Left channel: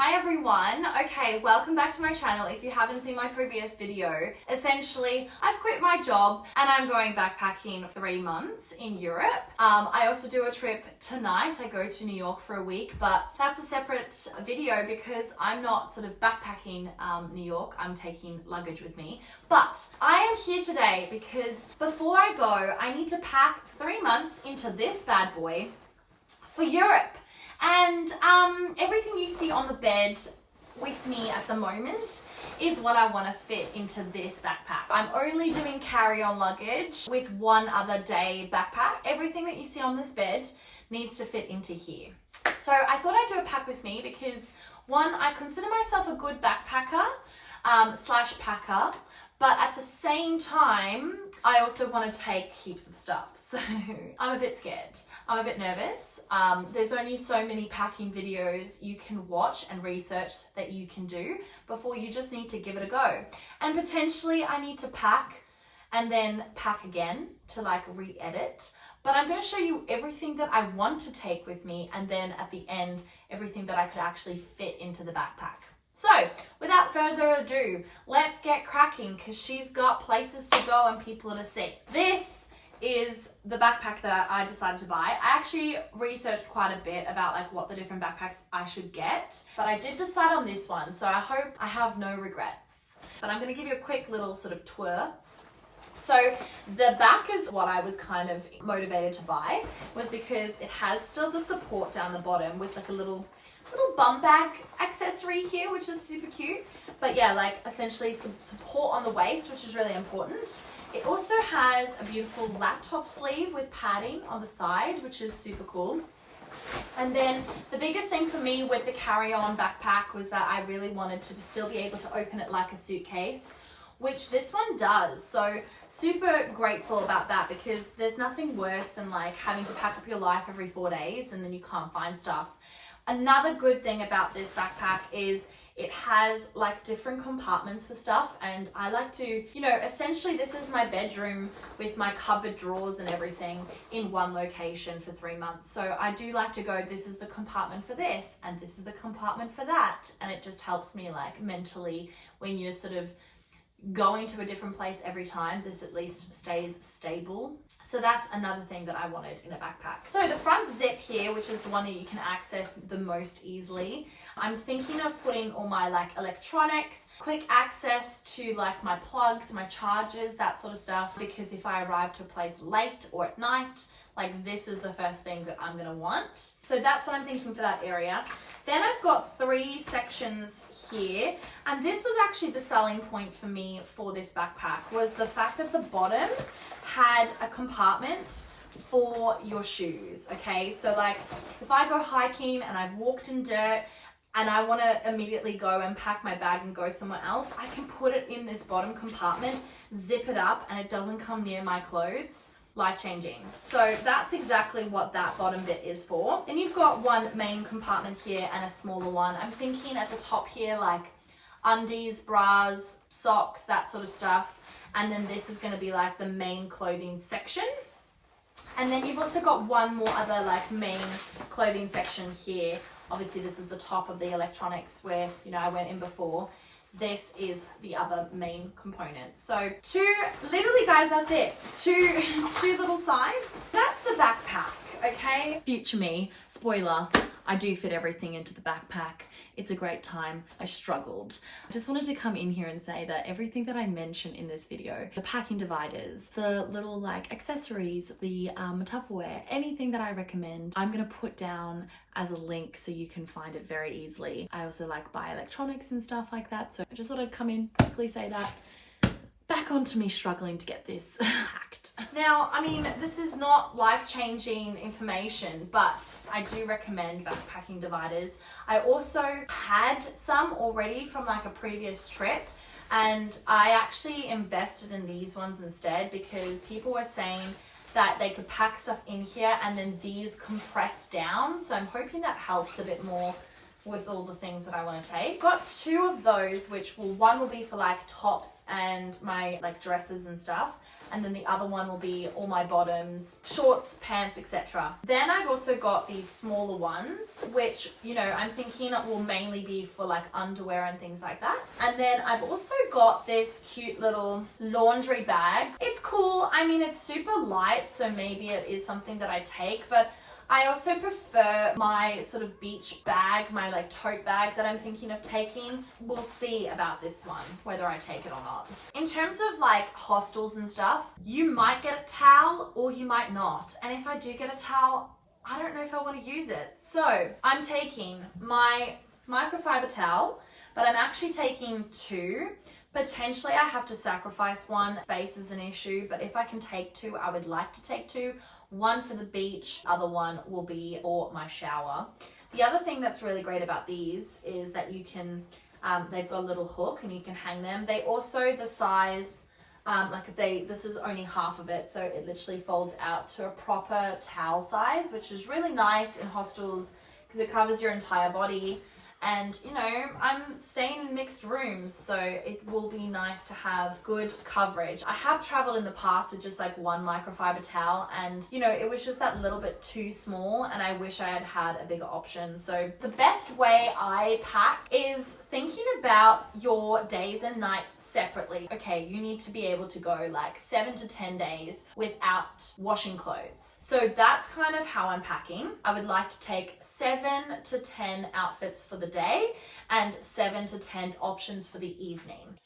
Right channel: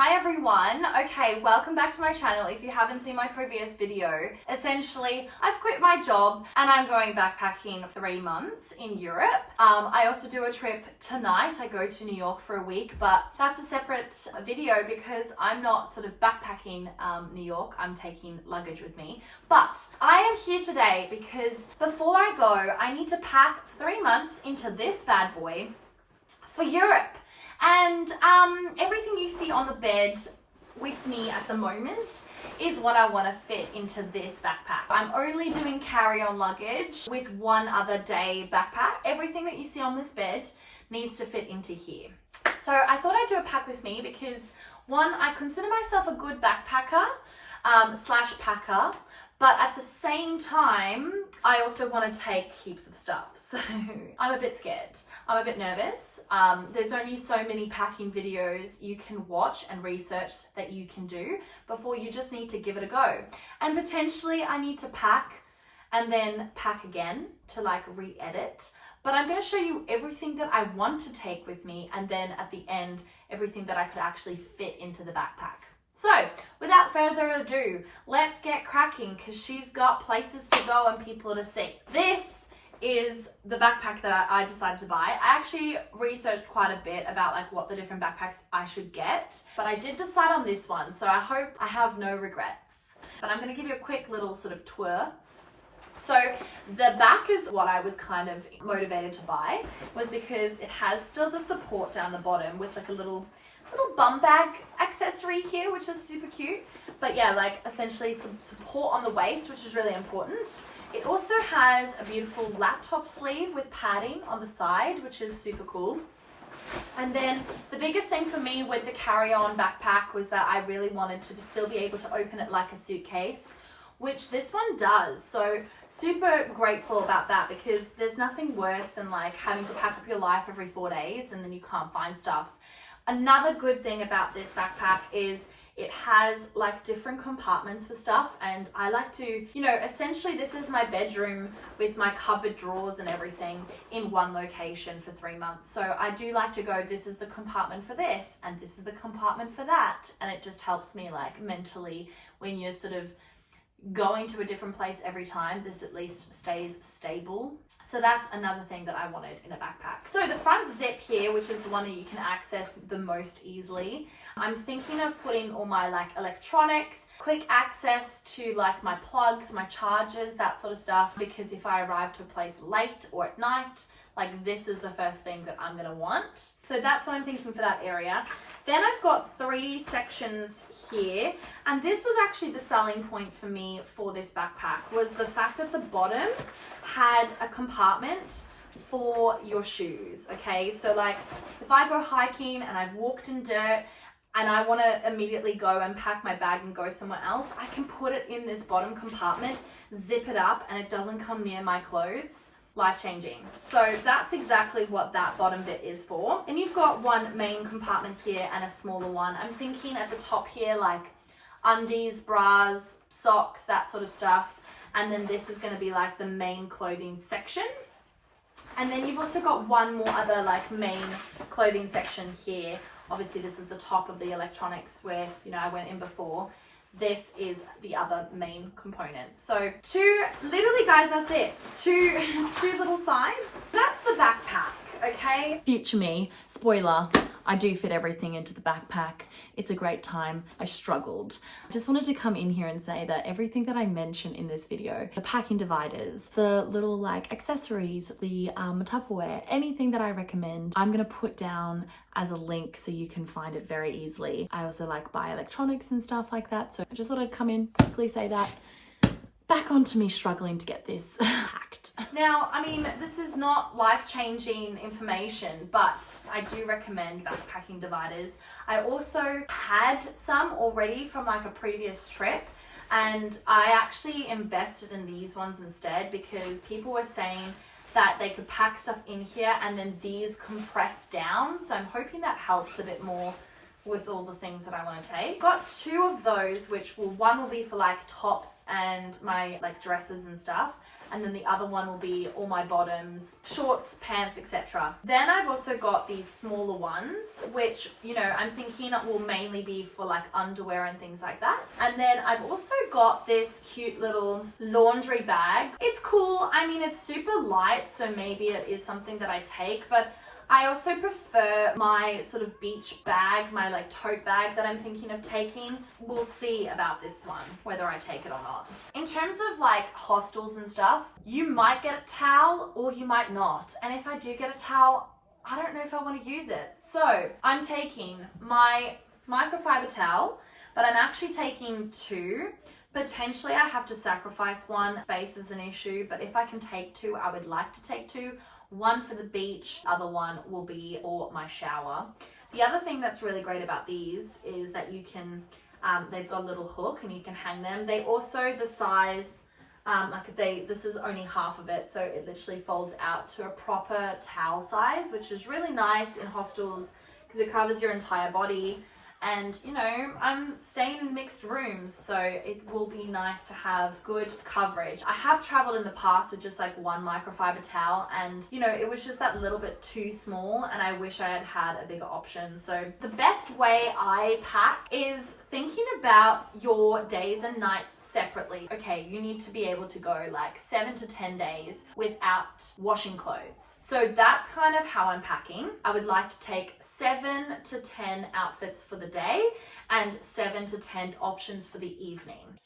Hi everyone. Okay, welcome back to my channel. If you haven't seen my previous video, essentially I've quit my job and I'm going backpacking for 3 months in Europe. I also do a trip tonight. I go to New York for a week, but that's a separate video because I'm not sort of backpacking New York. I'm taking luggage with me. But I am here today because before I go, I need to pack 3 months into this bad boy for Europe. And everything you see on the bed with me at the moment is what I want to fit into this backpack. I'm only doing carry-on luggage with one other day backpack. Everything that you see on this bed needs to fit into here. So I thought I'd do a pack with me because one, I consider myself a good backpacker slash packer. But at the same time, I also want to take heaps of stuff. So I'm a bit scared. I'm a bit nervous. There's only so many packing videos you can watch and research that you can do before you just need to give it a go. And potentially I need to pack and then pack again to like re-edit. But I'm going to show you everything that I want to take with me, and then at the end, everything that I could actually fit into the backpack. So without further ado, let's get cracking because she's got places to go and people to see. This is the backpack that I decided to buy. I actually researched quite a bit about like what the different backpacks I should get, but I did decide on this one. So I hope I have no regrets. But I'm going to give you a quick little sort of tour. So the back is what I was kind of motivated to buy, was because it has still the support down the bottom with like a little bum bag accessory here, which is super cute. But yeah, like essentially some support on the waist, which is really important. It also has a beautiful laptop sleeve with padding on the side, which is super cool. And then the biggest thing for me with the carry-on backpack was that I really wanted to still be able to open it like a suitcase, which this one does. So super grateful about that, because there's nothing worse than like having to pack up your life every 4 days and then you can't find stuff. Another good thing about this backpack is it has like different compartments for stuff, and I like to, you know, essentially this is my bedroom with my cupboard drawers and everything in one location for 3 months. So I do like to go, this is the compartment for this and this is the compartment for that, and it just helps me like mentally when you're sort of going to a different place every time, this at least stays stable. So that's another thing that I wanted in a backpack. So the front zip here, which is the one that you can access the most easily, I'm thinking of putting all my like electronics, quick access to like my plugs, my chargers, that sort of stuff, because if I arrive to a place late or at night, like this is the first thing that I'm gonna want. So that's what I'm thinking for that area. Then I've got 3 sections here, and this was actually the selling point for me for this backpack, was the fact that the bottom had a compartment for your shoes. Okay, so like if I go hiking and I've walked in dirt and I want to immediately go and pack my bag and go somewhere else, I can put it in this bottom compartment, zip it up, and it doesn't come near my clothes. Life-changing. So that's exactly what that bottom bit is for. And you've got one main compartment here and a smaller one. I'm thinking at the top here like undies, bras, socks, that sort of stuff. And then this is going to be like the main clothing section. And then you've also got one more other like main clothing section here. Obviously this is the top of the electronics where, you know, I went in before. This is the other main component. So literally guys, that's it. Two little sides. That's the backpack, okay? Future me, spoiler, I do fit everything into the backpack. It's a great time. I struggled. I just wanted to come in here and say that everything that I mentioned in this video, the packing dividers, the little like accessories, the Tupperware, anything that I recommend, I'm gonna put down as a link so you can find it very easily. I also like buy electronics and stuff like that. So I just thought I'd come in, quickly say that. Back onto me struggling to get this hacked. Now, I mean, this is not life-changing information, but I do recommend backpacking dividers. I also had some already from like a previous trip, and I actually invested in these ones instead because people were saying that they could pack stuff in here and then these compress down. So I'm hoping that helps a bit more with all the things that I want to take. Got 2 of those, which one will be for like tops and my like dresses and stuff, and then the other one will be all my bottoms, shorts, pants, etc. Then I've also got these smaller ones, which, you know, I'm thinking will mainly be for like underwear and things like that. And then I've also got this cute little laundry bag. It's cool. I mean, it's super light, so maybe it is something that I take, but I also prefer my sort of beach bag, my like tote bag that I'm thinking of taking. We'll see about this one, whether I take it or not. In terms of like hostels and stuff, you might get a towel or you might not. And if I do get a towel, I don't know if I want to use it. So I'm taking my microfiber towel, but I'm actually taking two. Potentially I have to sacrifice one. Space is an issue, but if I can take two, I would like to take two. One for the beach, other one will be for my shower. The other thing that's really great about these is that you can, they've got a little hook and you can hang them. They also, the size, this is only half of it, so it literally folds out to a proper towel size, which is really nice in hostels because it covers your entire body. And, you know, I'm staying in mixed rooms, so it will be nice to have good coverage. I have traveled in the past with just like one microfiber towel, and, you know, it was just that little bit too small, and I wish I had had a bigger option. So the best way I pack is thinking about your days and nights separately. Okay, you need to be able to go like 7 to 10 days without washing clothes. So that's kind of how I'm packing. I would like to take 7 to 10 outfits for the day and 7 to 10 options for the evening.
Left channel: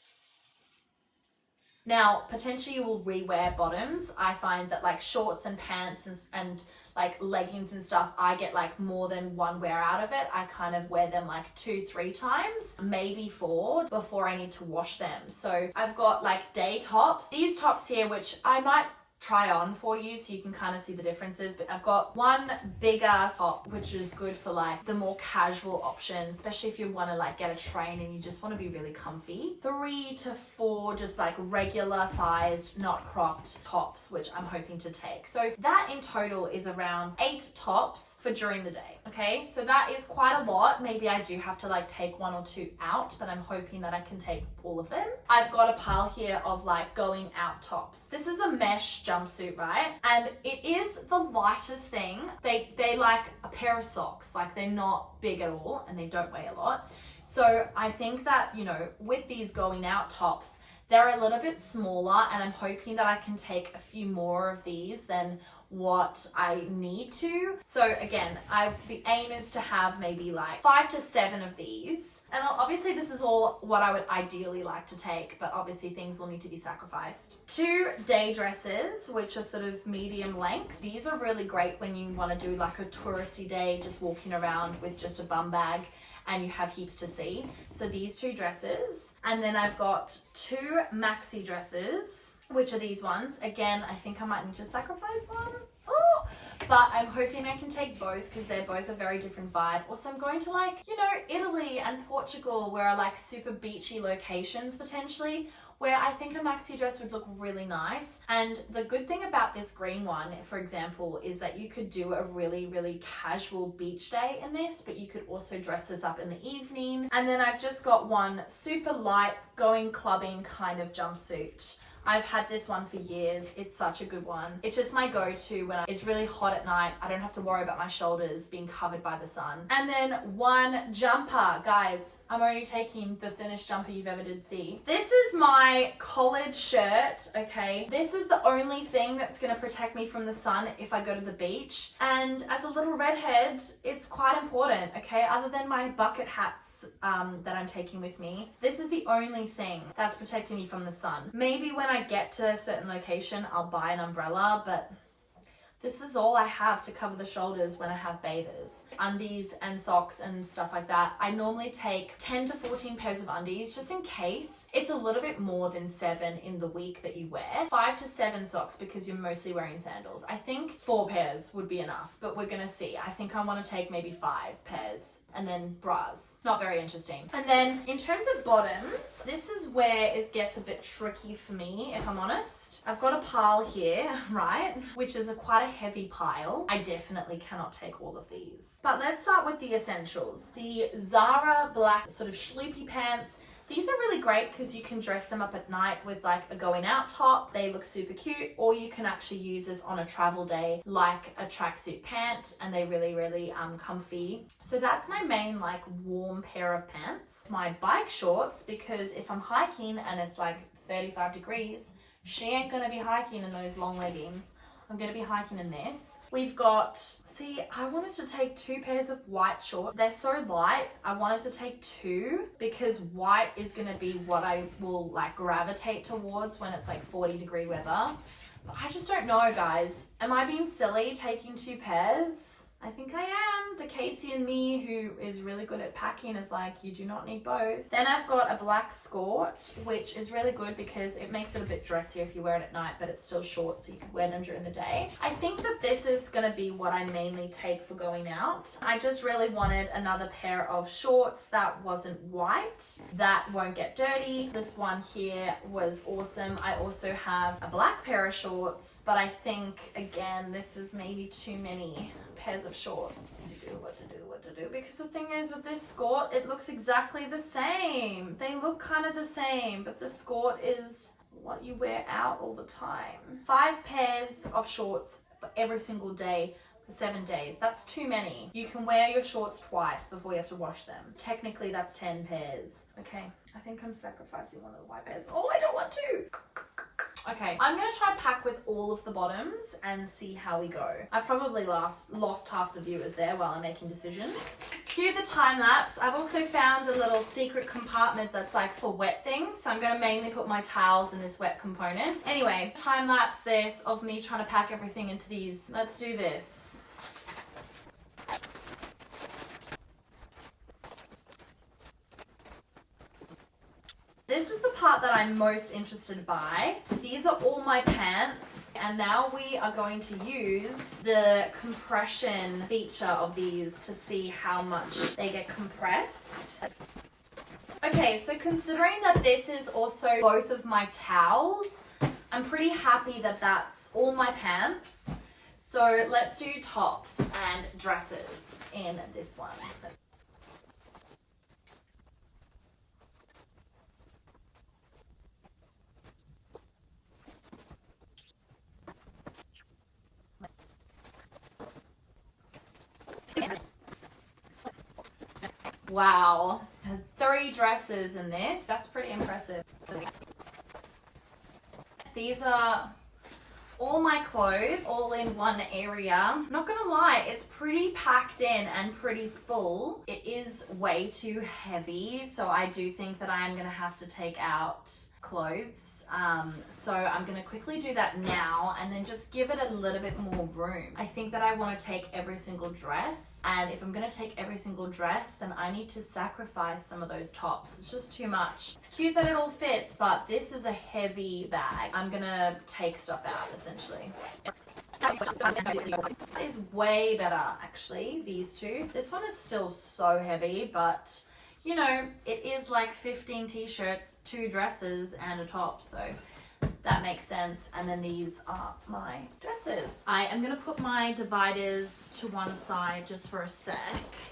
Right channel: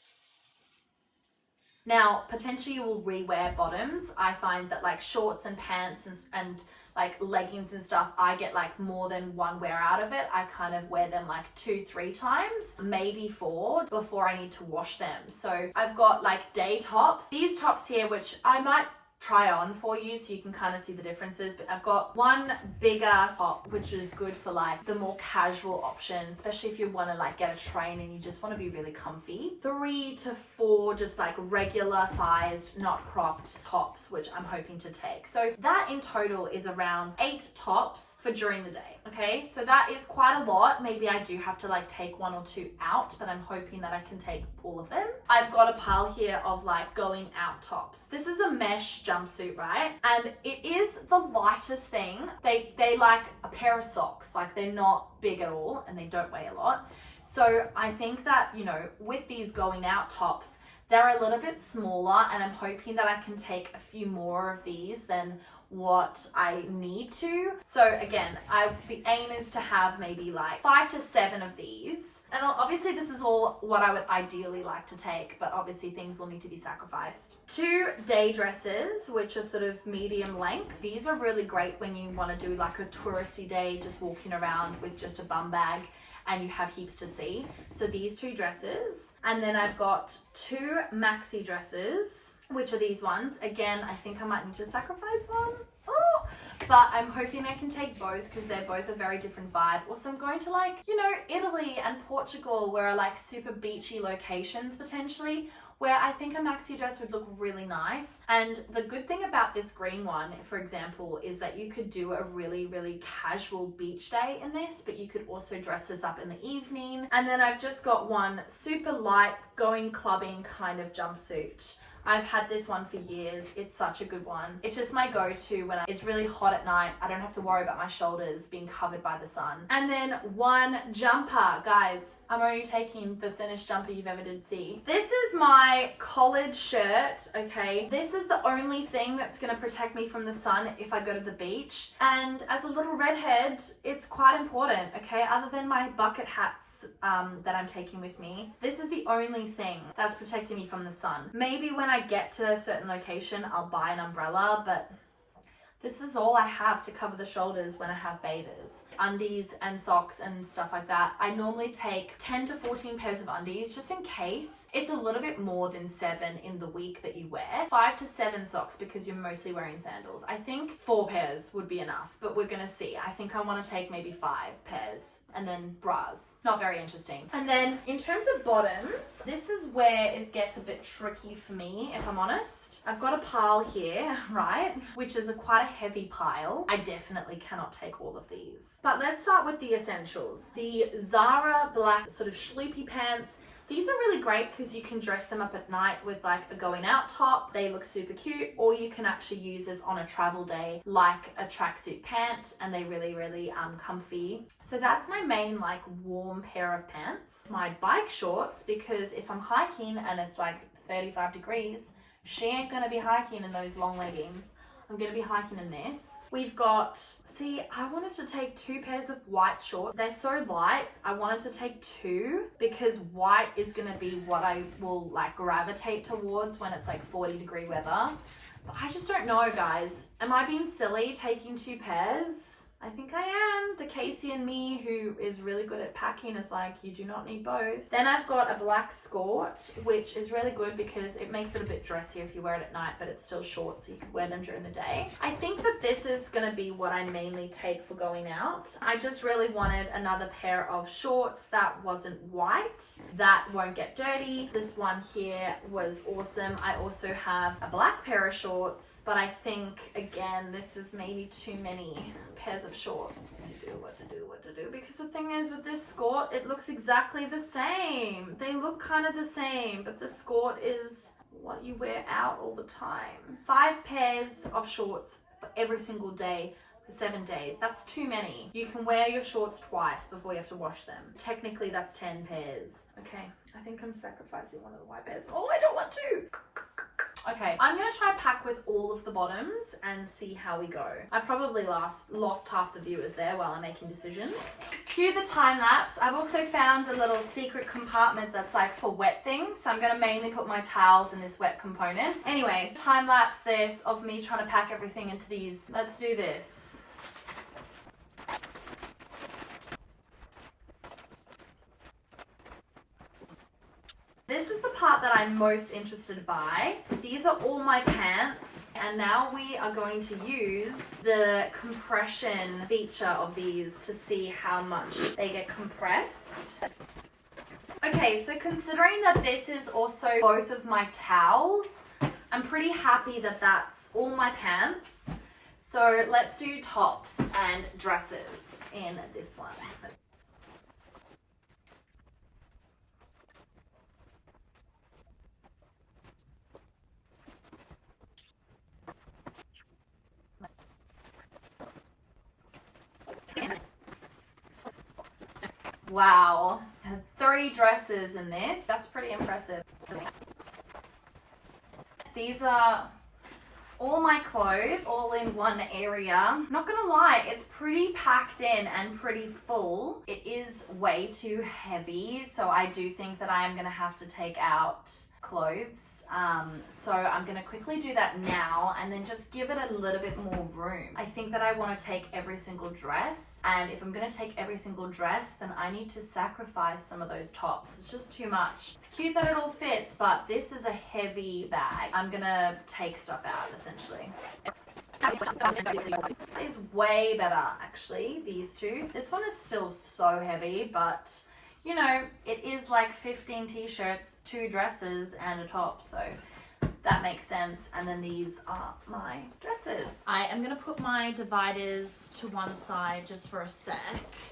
Now, potentially you will rewear bottoms. I find that like shorts and pants and like leggings and stuff, I get like more than one wear out of it. I kind of wear them like 2-3 times, maybe 4 before I need to wash them. So I've got like day tops. These tops here, which I might try on for you so you can kind of see the differences, but I've got one bigger top which is good for like the more casual option, especially if you want to like get a train and you just want to be really comfy. 3 to 4 just like regular sized, not cropped tops, which I'm hoping to take. So that in total is around 8 tops for during the day. Okay, so that is quite a lot. Maybe I do have to like take 1 or 2 out, but I'm hoping that I can take all of them. I've got a pile here of like going out tops. This is a mesh jumpsuit, right? And it is the lightest thing. They like a pair of socks, like they're not big at all and they don't weigh a lot. So I think that, you know, with these going out tops, they're a little bit smaller, and I'm hoping that I can take a few more of these than what I need to. So again, the aim is to have maybe like 5 to 7 of these. And obviously this is all what I would ideally like to take, but obviously things will need to be sacrificed. 2 day dresses, which are sort of medium length. These are really great when you want to do like a touristy day, just walking around with just a bum bag and you have heaps to see. So these 2 dresses. And then I've got 2 maxi dresses, which are these ones. Again, I think I might need to sacrifice one. Oh, but I'm hoping I can take both because they're both a very different vibe. Also, I'm going to like, you know, Italy and Portugal, where are like super beachy locations potentially, where I think a maxi dress would look really nice. And the good thing about this green one, for example, is that you could do a really, really casual beach day in this, but you could also dress this up in the evening. And then I've just got one super light going clubbing kind of jumpsuit. I've had this one for years. It's such a good one. It's just my go-to when it's really hot at night. I don't have to worry about my shoulders being covered by the sun. And then one jumper. Guys, I'm only taking the thinnest jumper you've ever did see. This is my collared shirt, okay? This is the only thing that's gonna protect me from the sun if I go to the beach. And as a little redhead, it's quite important, okay? Other than my bucket hats that I'm taking with me, this is the only thing that's protecting me from the sun. Maybe when I get to a certain location, I'll buy an umbrella, but this is all I have to cover the shoulders when I have bathers. Undies and socks and stuff like that. I normally take 10 to 14 pairs of undies just in case. It's a little bit more than 7 in the week that you wear. 5 to 7 socks because you're mostly wearing sandals. I think 4 pairs would be enough, but we're gonna see. I think I wanna take maybe 5 pairs and then bras. Not very interesting. And then in terms of bottoms, this is where it gets a bit tricky for me, if I'm honest. I've got a pile here, right? Which is quite a heavy pile. I definitely cannot take all of these. But let's start with the essentials. The Zara black sort of schloopy pants. These are really great because you can dress them up at night with like a going out top. They look super cute, or you can actually use this on a travel day like a tracksuit pant, and they really comfy. So that's my main like warm pair of pants. My bike shorts, because if I'm hiking and it's like 35 degrees, she ain't gonna be hiking in those long leggings. I'm gonna be hiking in this. We've got, see, I wanted to take 2 pairs of white shorts. They're so light. I wanted to take 2 because white is gonna be what I will like gravitate towards when it's like 40-degree weather. But I just don't know, guys. Am I being silly taking 2 pairs? I think I am. The Casey in me, who is really good at packing, is like, you do not need both. Then I've got a black skirt, which is really good because it makes it a bit dressier if you wear it at night, but it's still short, so you can wear them during the day. I think that this is gonna be what I mainly take for going out. I just really wanted another pair of shorts that wasn't white, that won't get dirty. This one here was awesome. I also have a black pair of shorts, but I think, again, this is maybe too many pairs of shorts to do what to do, because the thing is with this skirt, it looks exactly the same. They look kind of the same, but the skirt is what you wear out all the time. 5 pairs of shorts for every single day for 7 days. That's too many. You can wear your shorts twice before you have to wash them. Technically, that's 10 pairs. Okay, I think I'm sacrificing one of the white pairs. Oh, I don't want to. Okay, I'm gonna try pack with all of the bottoms and see how we go. I probably lost half the viewers there while I'm making decisions. Cue the time lapse. I've also found a little secret compartment that's like for wet things. So I'm gonna mainly put my towels in this wet component. Anyway, time lapse this of me trying to pack everything into these. Let's do this. This is the part that I'm most interested by. These are all my pants, and now we are going to use the compression feature of these to see how much they get compressed. Okay, so considering that this is also both of my towels, I'm pretty happy that that's all my pants. So let's do tops and dresses in this one. Wow, 3 dresses in this. That's pretty impressive. These are all my clothes, all in one area. Not gonna lie, it's pretty packed in and pretty full. It is way too heavy, so I do think that I am gonna have to take out clothes. So I'm gonna quickly do that now and then just give it a little bit more room. I think that I want to take every single dress, and if I'm gonna take every single dress, then I need to sacrifice some of those tops. It's just too much. It's cute that it all fits, but this is a heavy bag. I'm gonna take stuff out essentially. Is way better actually, these two. This one is still so heavy, but you know, it is like 15 t-shirts, 2 dresses, and a top, so that makes sense. And then these are my dresses. I am gonna put my dividers to one side just for a sec,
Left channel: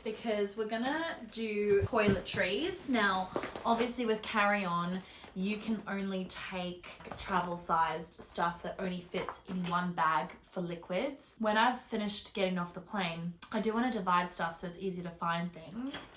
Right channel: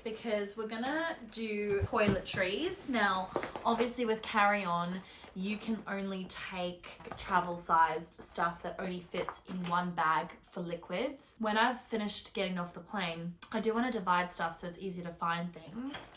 because we're gonna do toiletries. Now, obviously with carry-on, you can only take travel-sized stuff that only fits in one bag for liquids. When I've finished getting off the plane, I do want to divide stuff so it's easy to find things.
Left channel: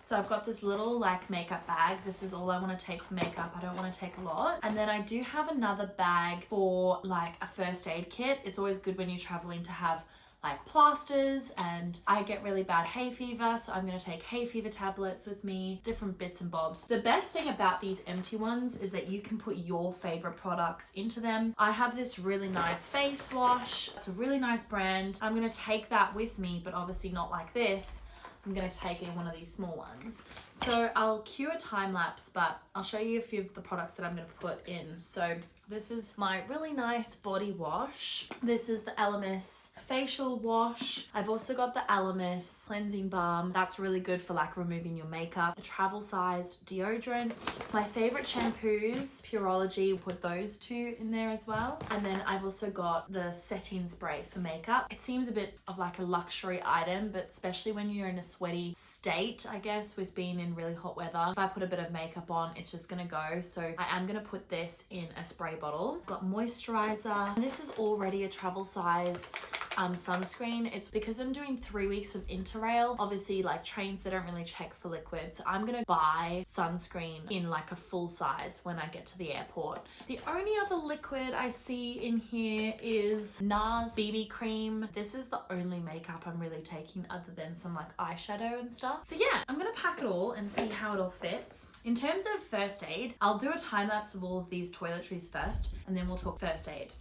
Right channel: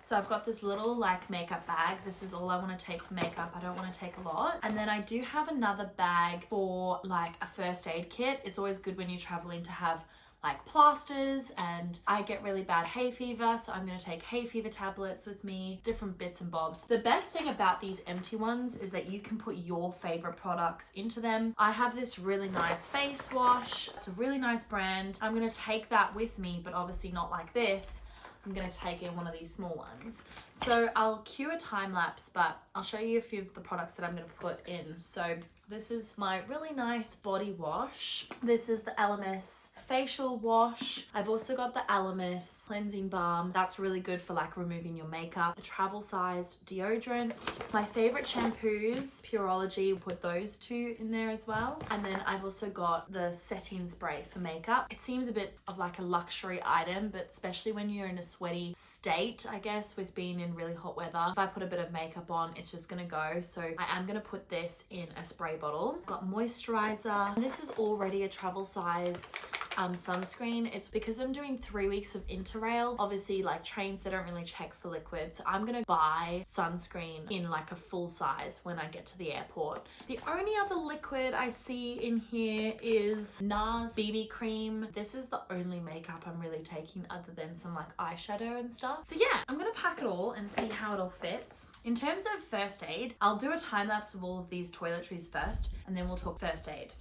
So I've got this little like makeup bag. This is all I want to take for makeup. I don't want to take a lot. And then I do have another bag for like a first aid kit. It's always good when you're traveling to have like plasters, and I get really bad hay fever, so I'm going to take hay fever tablets with me, different bits and bobs. The best thing about these empty ones is that you can put your favorite products into them. I have this really nice face wash. It's a really nice brand. I'm going to take that with me, but obviously not like this. I'm going to take in one of these small ones. So I'll cue a time lapse, but I'll show you a few of the products that I'm going to put in. So This is my really nice body wash. This is the Elemis facial wash. I've also got the Elemis cleansing balm. That's really good for like removing your makeup. A travel sized deodorant. My favorite shampoos, Pureology, put those two in there as well. And then I've also got the setting spray for makeup. It seems a bit of like a luxury item, but especially when you're in a sweaty state, I guess, with being in really hot weather, if I put a bit of makeup on, it's just gonna go. So I am gonna put this in a spray bottle. Got moisturizer. And this is already a travel size sunscreen. It's because I'm doing 3 weeks of Interrail. Obviously, like trains, they don't really check for liquids. So I'm gonna buy sunscreen in like a full size when I get to the airport. The only other liquid I see in here is NARS BB cream. This is the only makeup I'm really taking other than some like eyeshadow and stuff. So yeah, I'm gonna pack it all and see how it all fits. In terms of first aid, I'll do a time lapse of all of these toiletries first, and then we'll talk first aid.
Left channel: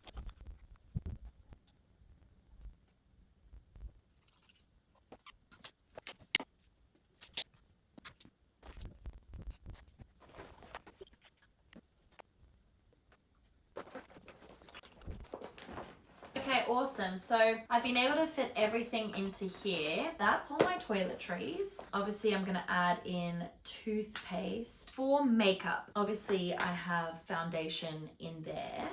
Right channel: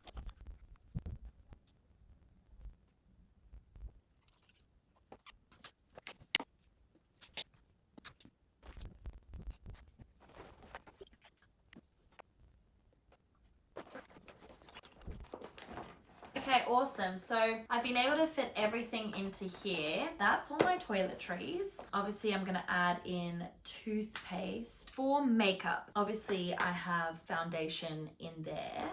Okay, awesome. So I've been able to fit everything into here. That's all my toiletries. Obviously, I'm gonna add in toothpaste. For makeup, obviously I have foundation in there.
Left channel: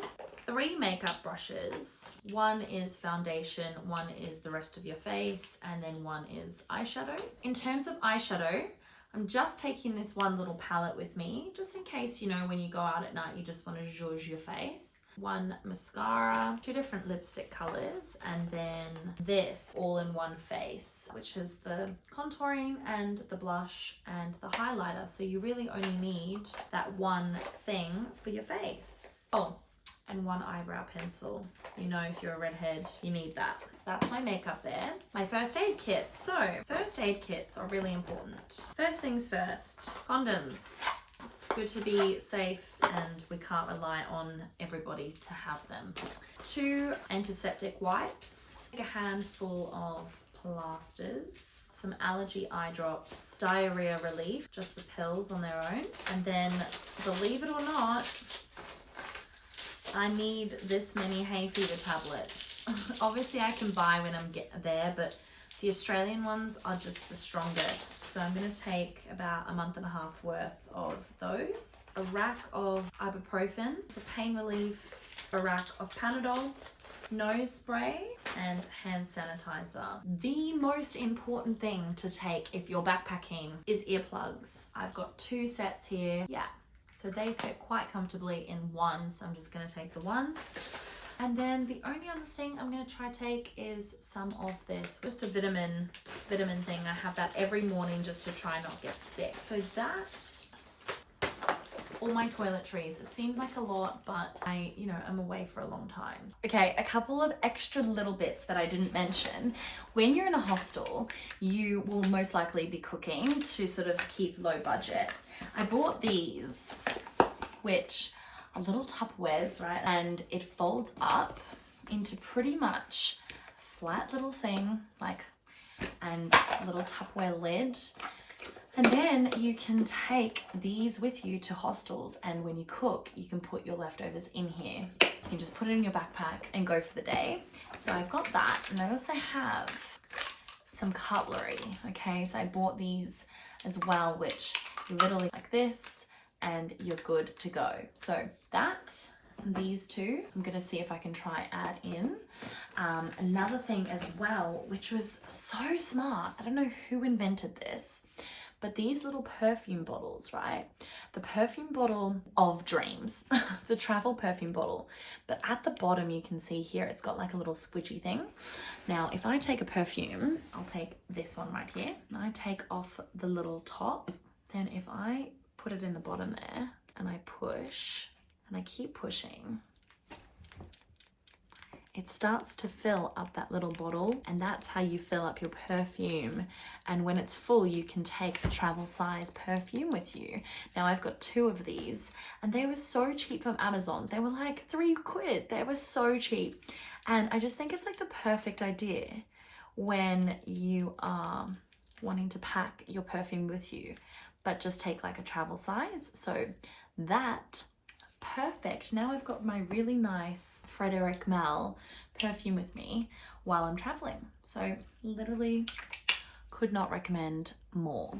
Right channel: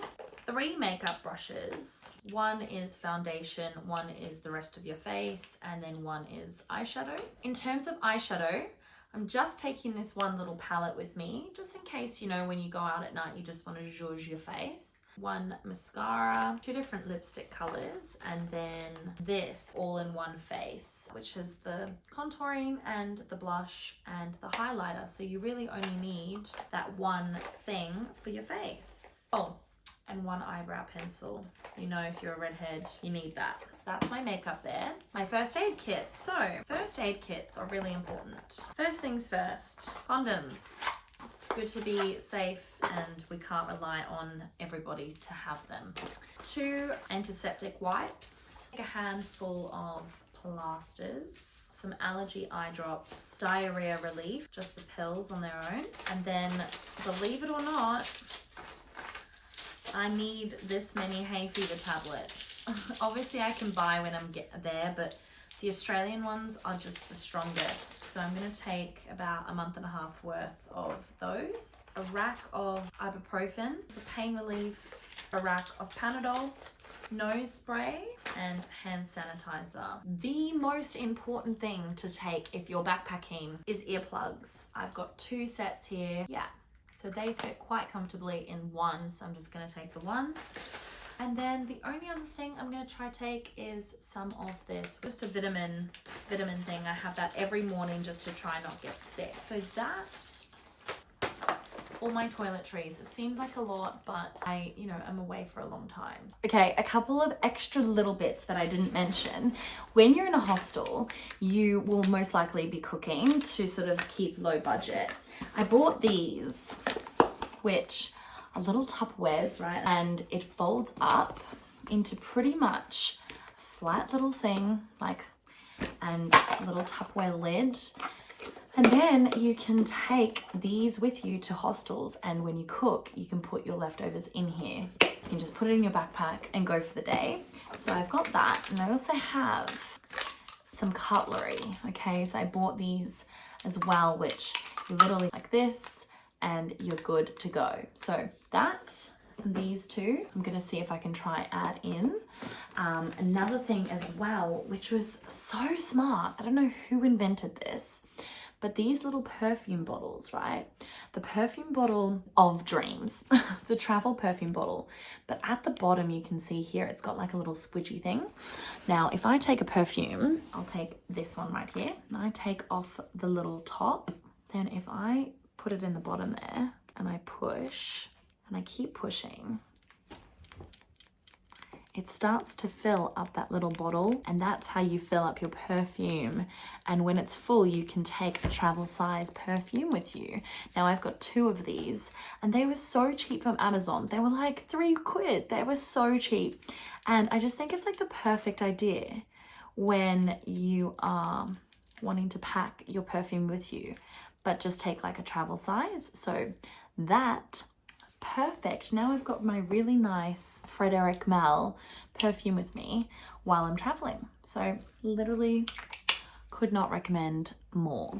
3 makeup brushes. 1 is foundation, 1 is the rest of your face, and then 1 is eyeshadow. In terms of eyeshadow, I'm just taking this one little palette with me, just in case, you know, when you go out at night, you just want to zhuzh your face. 1 mascara, 2 different lipstick colors, and then this all in one face, which is the contouring and the blush and the highlighter. So you really only need that one thing for your face. Oh, and 1 eyebrow pencil. You know, if you're a redhead, you need that. So that's my makeup there. My first aid kits. So first aid kits are really important. First things first, condoms. It's good to be safe and we can't rely on everybody to have them. 2 antiseptic wipes, a handful of plasters, some allergy eye drops, diarrhea relief, just the pills on their own. And then, believe it or not, I need this many hay fever tablets. Obviously I can buy when I'm there, but the Australian ones are just the strongest. So I'm going to take about a month and a half worth of those. A rack of ibuprofen for pain relief, a rack of Panadol, nose spray, and hand sanitizer. The most important thing to take if you're backpacking is earplugs. I've got 2 sets here. Yeah, so they fit quite comfortably in one. So I'm just going to take the one. And then the only other thing I'm going to try take is some of this, just a vitamin thing. I have that every morning just to try not get sick. So that's all my toiletries. It seems like a lot, but I'm away for a long time. Okay, a couple of extra little bits that I didn't mention. When you're in a hostel, you will most likely be cooking to sort of keep low budget. I bought these, which are little Tupperwares, right? And it folds up into pretty much a flat little thing, and a little Tupperware lid. And then you can take these with you to hostels, and when you cook, you can put your leftovers in here. You can just put it in your backpack and go for the day. So I've got that, and I also have some cutlery, okay? So I bought these as well, which you literally like this, and you're good to go. So that and these 2, I'm gonna see if I can try add in. Another thing as well, which was so smart, I don't know who invented this, but these little perfume bottles, right? The perfume bottle of dreams. It's a travel perfume bottle, but at the bottom you can see here, it's got like a little squidgy thing. Now, if I take a perfume, I'll take this one right here, and I take off the little top, then if I put it in the bottom there and I push and I keep pushing, it starts to fill up that little bottle, and that's how you fill up your perfume. And when it's full, you can take a travel size perfume with you. Now I've got 2 of these, and they were so cheap from Amazon. They were like £3. They were so cheap. And I just think it's like the perfect idea when you are wanting to pack your perfume with you, but just take like a travel size. So that perfect. Now I've got my really nice Frederic Malle perfume with me while I'm traveling. So literally could not recommend more.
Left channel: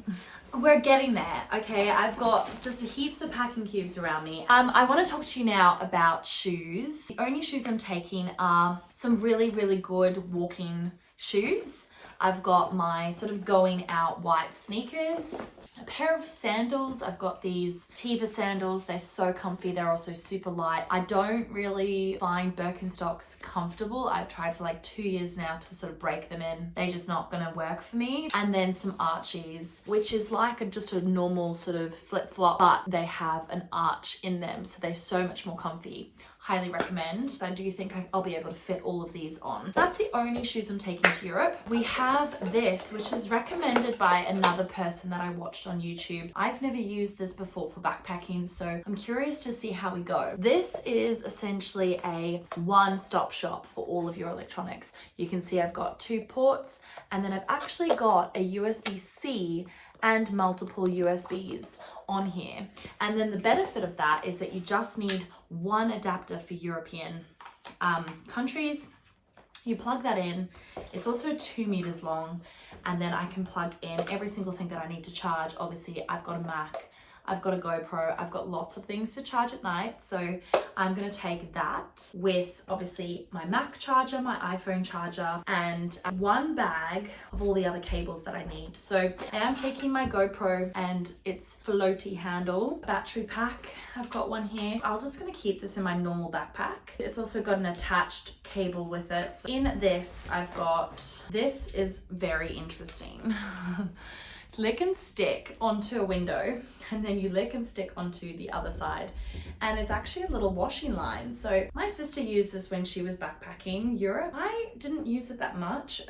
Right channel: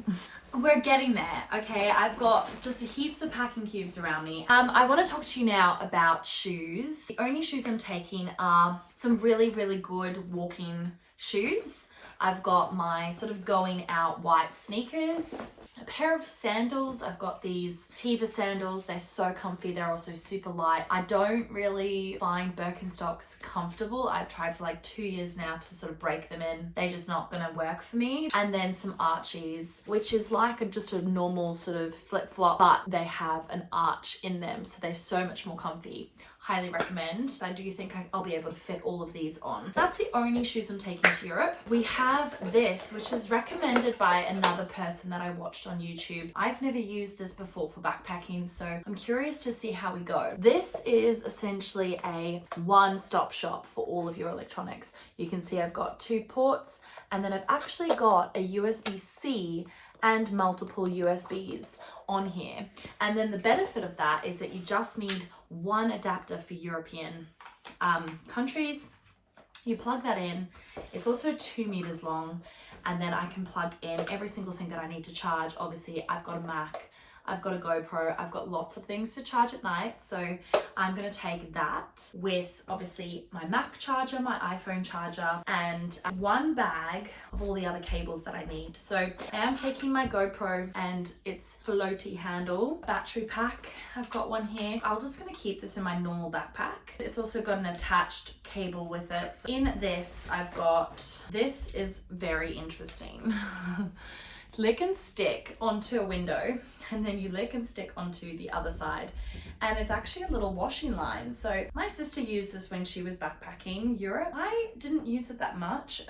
We're getting there, okay? I've got just heaps of packing cubes around me. I want to talk to you now about shoes. The only shoes I'm taking are some really, really good walking shoes. I've got my sort of going out white sneakers, a pair of sandals. I've got these Teva sandals. They're so comfy. They're also super light. I don't really find Birkenstocks comfortable. I've tried for like 2 years now to sort of break them in. They're just not gonna work for me. And then some Archies, which is like just a normal sort of flip-flop, but they have an arch in them. So they're so much more comfy. Highly recommend. I do think I'll be able to fit all of these on. That's the only shoes I'm taking to Europe. We have this, which is recommended by another person that I watched on YouTube. I've never used this before for backpacking, so I'm curious to see how we go. This is essentially a one-stop shop for all of your electronics. You can see I've got 2 ports, and then I've actually got a USB-C and multiple USBs on here. And then the benefit of that is that you just need one adapter for European countries. You plug that in. It's also 2 meters long, and then I can plug in every single thing that I need to charge. Obviously, I've got a Mac, I've got a GoPro, I've got lots of things to charge at night. So I'm gonna take that with obviously my Mac charger, my iPhone charger, and one bag of all the other cables that I need. So I am taking my GoPro and its floaty handle battery pack. I've got one here. I'm just gonna keep this in my normal backpack. It's also got an attached cable with it. So in this, I've got, this is very interesting. Lick and stick onto a window, and then you lick and stick onto the other side, and it's actually a little washing line. So my sister used this when she was backpacking Europe. I didn't use it that much,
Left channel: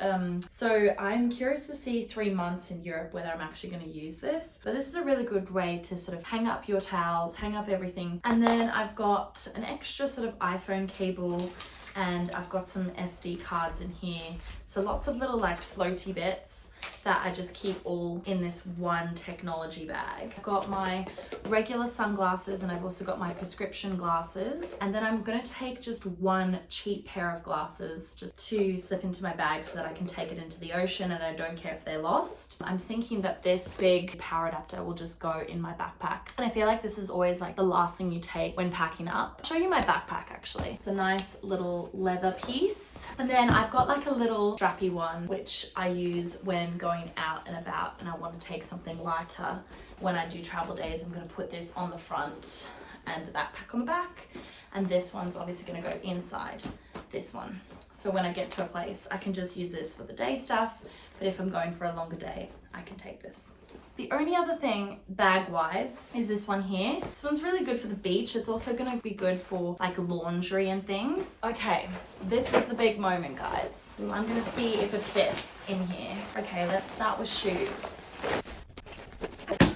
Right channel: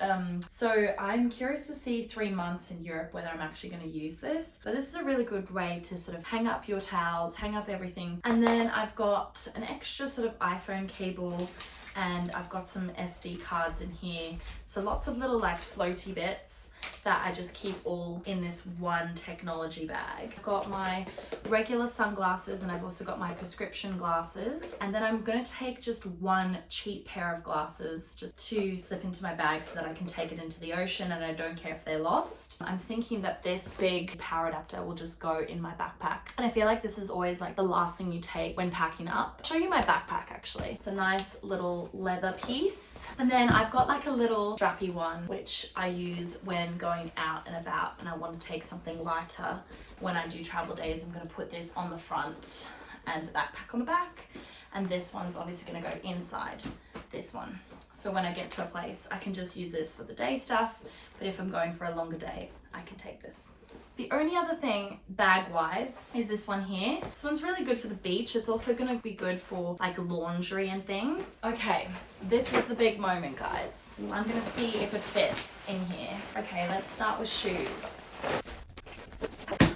so I'm curious to see 3 months in Europe whether I'm actually going to use this. But this is a really good way to sort of hang up your towels, hang up everything. And then I've got an extra sort of iPhone cable, and I've got some SD cards in here, so lots of little like floaty bits that I just keep all in this one technology bag. I've got my regular sunglasses, and I've also got my prescription glasses. And then I'm gonna take just one cheap pair of glasses just to slip into my bag so that I can take it into the ocean and I don't care if they're lost. I'm thinking that this big power adapter will just go in my backpack. And I feel like this is always like the last thing you take when packing up. I'll show you my backpack actually. It's a nice little leather piece. And then I've got like a little strappy one, which I use when going out and about, and I want to take something lighter when I do travel days. I'm going to put this on the front and the backpack on the back, and this one's obviously going to go inside this one. So when I get to a place, I can just use this for the day stuff, but if I'm going for a longer day, I can take this. The only other thing bag-wise is this one here. This one's really good for the beach. It's also gonna be good for like laundry and things. Okay, this is the big moment, guys. I'm gonna see if it fits in here. Okay, let's start with shoes.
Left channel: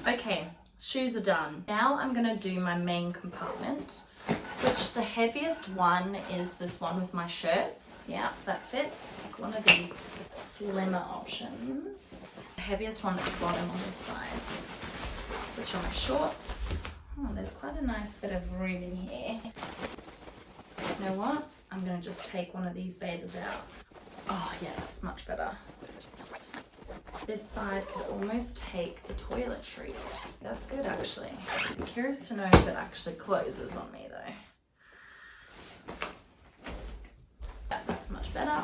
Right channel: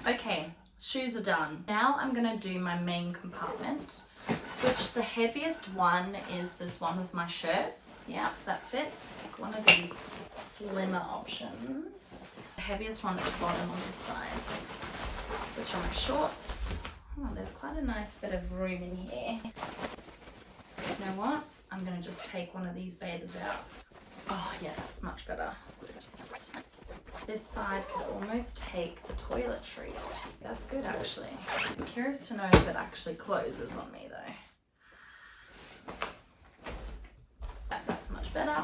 Okay, shoes are done. Now I'm gonna do my main compartment, which the heaviest one is this one with my shirts. Yeah, that fits. One of these slimmer options. The heaviest one at the bottom on this side, which are my shorts. Oh, there's quite a nice bit of room in here. You know what? I'm gonna just take one of these bathers out. Oh yeah, that's much better. This side could almost take the toiletry off. That's good actually. I'm curious to know if it actually closes on me though. That's much better.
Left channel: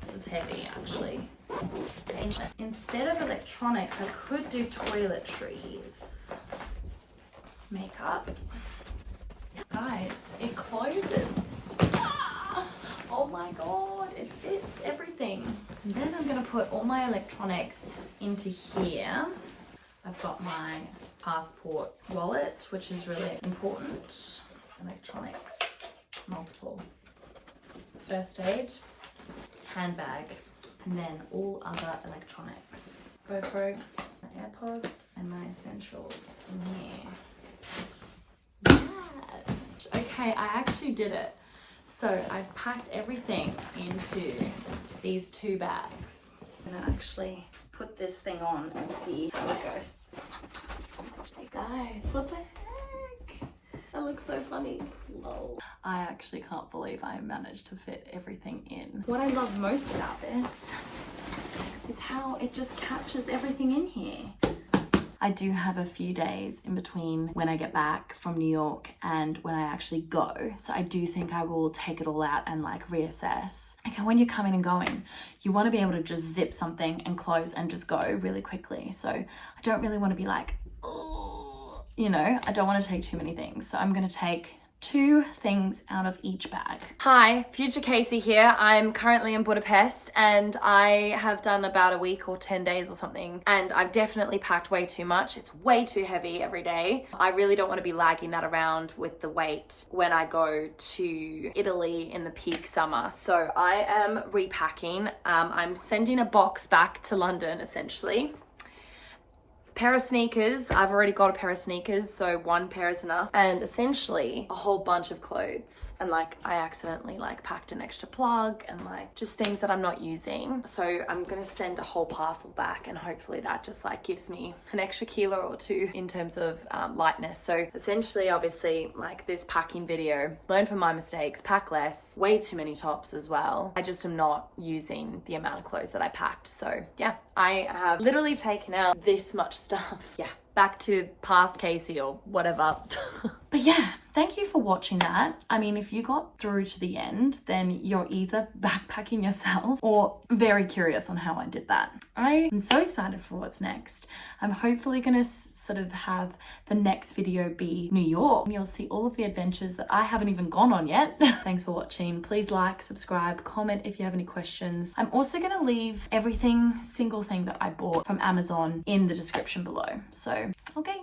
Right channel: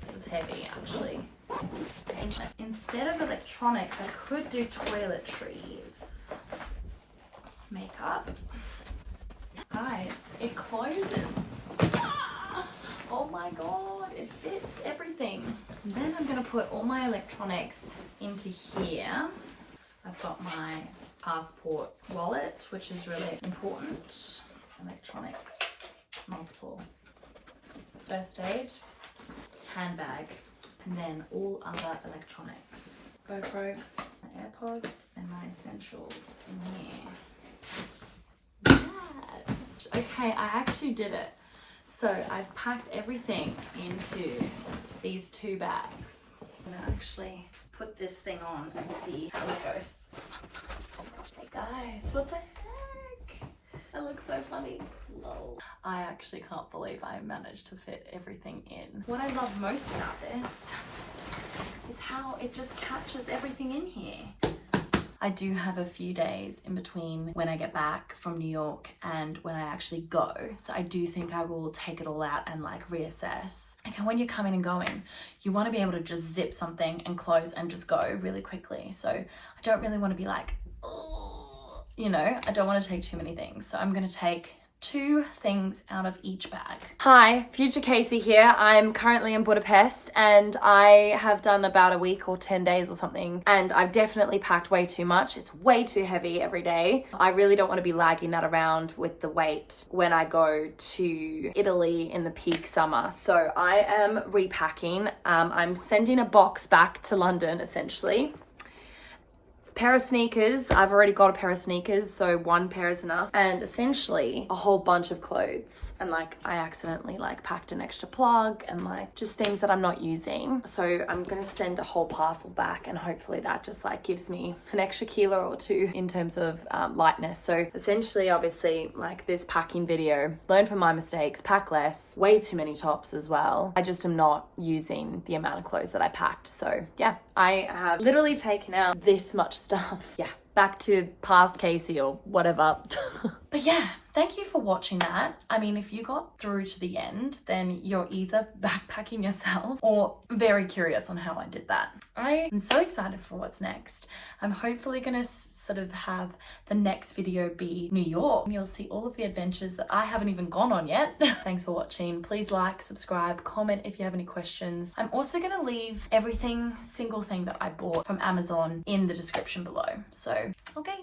This is heavy actually. Instead of electronics, I could do toiletries. Makeup. Guys, it closes. Oh my god, it fits everything. And then I'm gonna put all my electronics into here. I've got my passport wallet, which is really important. Electronics, multiple. First aid, handbag, and then all other electronics. GoPro, my AirPods, and my essentials in here. Yes. Okay, I actually did it. So I've packed everything into these 2 bags. I'm gonna actually put this thing on and see how it goes. Hey guys, what the heck? That looks so funny. Lol. I actually can't believe I managed to fit everything in. What I love most about this is how it just captures everything in here. I do have a few days in between when I get back from New York and when I actually go. So I do think I will take it all out and like reassess. Like when you're coming and going, you want to be able to just zip something and close and just go really quickly. So I don't really want to be like, oh, you know, I don't want to take too many things. So I'm going to take 2 things out of each bag. Hi, Future Casey here. I'm currently in Budapest and I have done about a week or 10 days or something, and I've definitely packed way too much. It's way too heavy every day. I really don't want to be lagging that around with the weight when I go to Italy in the peak summer. So I am repacking. I'm sending a box back to London essentially. Pair of sneakers. I've already got a pair of sneakers, so 1 pair is enough. And essentially a whole bunch of clothes. And like I accidentally like packed an extra plug and like just things that I'm not using. So I'm gonna send a whole parcel back, and hopefully that just like gives me an extra kilo or 2 in terms of lightness. So essentially, obviously, like this packing video, learn from my mistakes, pack less, way too many tops as well. I just am not using the amount of clothes that I packed. So yeah, I have literally taken out this much stuff. Yeah, back to past Casey or whatever. But yeah, thank you for watching that. I mean, if you got through to the end, then you're either backpacking yourself or very curious on how I did that. I am so excited for what's next. I'm hopefully gonna sort of have the next video be New York. You'll see all of the adventures that I haven't even gone on yet. Thanks for watching. Please like, subscribe, comment if you have any questions. I'm also gonna leave every single thing that I bought from Amazon in the description below. So, okay.